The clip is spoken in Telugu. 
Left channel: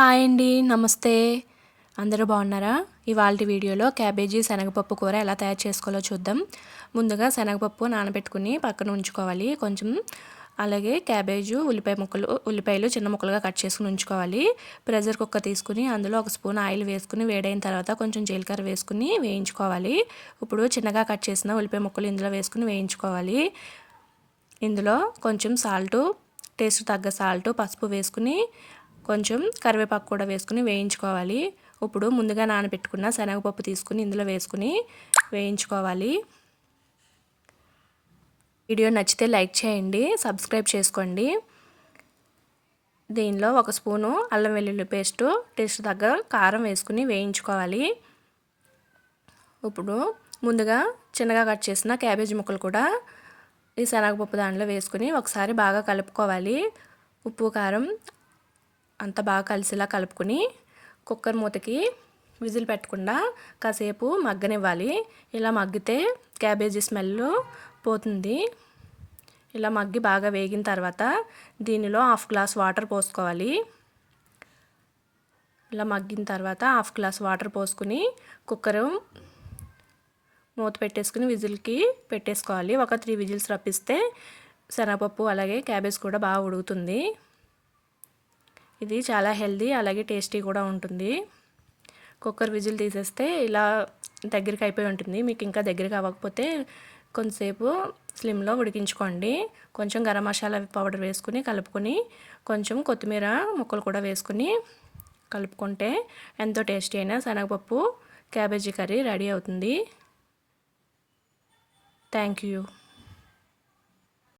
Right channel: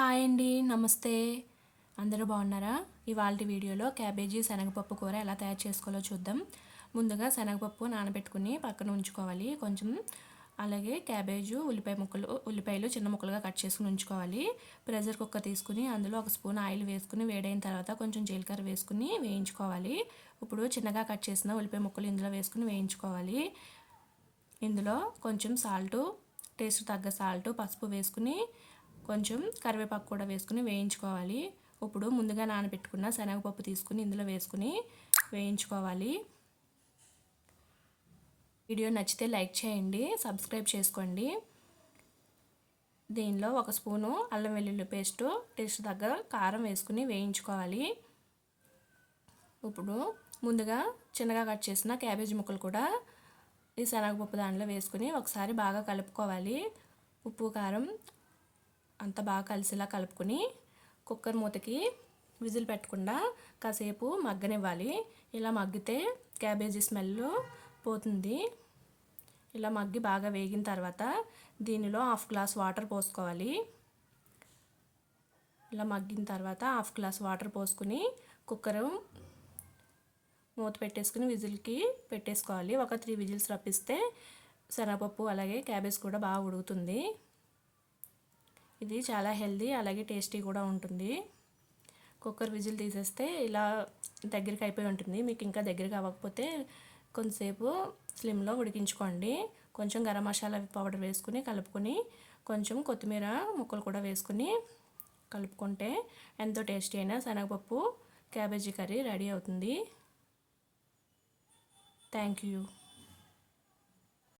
హాయ్ అండి నమస్తే. అందరూ బాగున్నారా? ఇవాళ వీడియోలో క్యాబేజీ శనగపప్పు కూర ఎలా తయారు చేసుకోవాలో చూద్దాం. ముందుగా శనగపప్పు నానబెట్టుకుని పక్కన ఉంచుకోవాలి. కొంచెం అలాగే క్యాబేజు ఉల్లిపాయ ముక్కలు ఉల్లిపాయలు చిన్న ముక్కలుగా కట్ చేసుకుని ఉంచుకోవాలి. ప్రెషర్ కుక్కర్ తీసుకుని అందులో ఒక స్పూన్ ఆయిల్ వేసుకుని వేడైన తర్వాత కొంచెం జీలకర్ర వేసుకుని వేయించుకోవాలి. ఇప్పుడు చిన్నగా కట్ చేసిన ఉల్లిపాయ ముక్కలు ఇందులో వేసుకుని వేయించుకోవాలి. ఇందులో కొంచెం సాల్టు టేస్ట్ తగ్గ సాల్ట్ పసుపు వేసుకుని కొంచెం కరివేపాకు కూడా వేసుకుని వేయించుకోవాలి. ఇప్పుడు ముందుగా నానబెట్టుకున్న శనగపప్పు తీసుకుని ఇందులో వేసుకుని వేయించుకోవాలి. వీడియో నచ్చితే లైక్ చేయండి సబ్స్క్రైబ్ చేసుకోండి. దీనిలో ఒక స్పూను అల్లం వెల్లుల్లి పేస్టు టేస్ట్ తగ్గ కారం వేసుకుని వేయించుకోవాలి. ఇప్పుడు ముందుగా చిన్నగా కట్ చేసిన క్యాబేజీ ముక్కలు కూడా ఈ శనగపప్పు దాంట్లో వేసుకుని ఒకసారి బాగా కలుపుకోవాలి. ఉప్పు కారం అంతా బాగా కలిసిలా కలుపుకొని కుక్కర్ మూతకి విజిల్ పెట్టకుండా కాసేపు మగ్గనివ్వాలి. ఇలా మగ్గితే క్యాబేజీ స్మెల్ పోతుంది. ఇలా మగ్గి బాగా వేగిన తర్వాత దీనిలో హాఫ్ గ్లాస్ వాటర్ పోసుకోవాలి. ఇలా మగ్గిన తర్వాత హాఫ్ గ్లాస్ వాటర్ పోసుకుని కుక్కర్ మూత పెట్టేసుకుని విజిల్కి పెట్టేసుకోవాలి. ఒక త్రీ విజిల్స్ రప్పిస్తే శనగపప్పు అలాగే క్యాబేజ్ కూడా బాగా ఉడుకుతుంది. ఇది చాలా హెల్దీ అలాగే టేస్టీ కూడా ఉంటుంది. కుక్కర్ విజిల్ తీసేస్తే ఇలా దగ్గరికి అయిపోయి ఉంటుంది. మీకు ఇంకా దగ్గరికి అవ్వకపోతే కొంతసేపు స్లిమ్లో ఉడికించుకోండి. కొంచెం గరం మసాలా పౌడర్ వేసుకుని కలుపుకొని కొంచెం కొత్తిమీర ముక్కలు కూడా వేసుకుని కలుపుకుంటే ఎంతో టేస్టీ అయిన శనగపప్పు క్యాబేజీ కర్రీ రెడీ అవుతుంది. Thank you.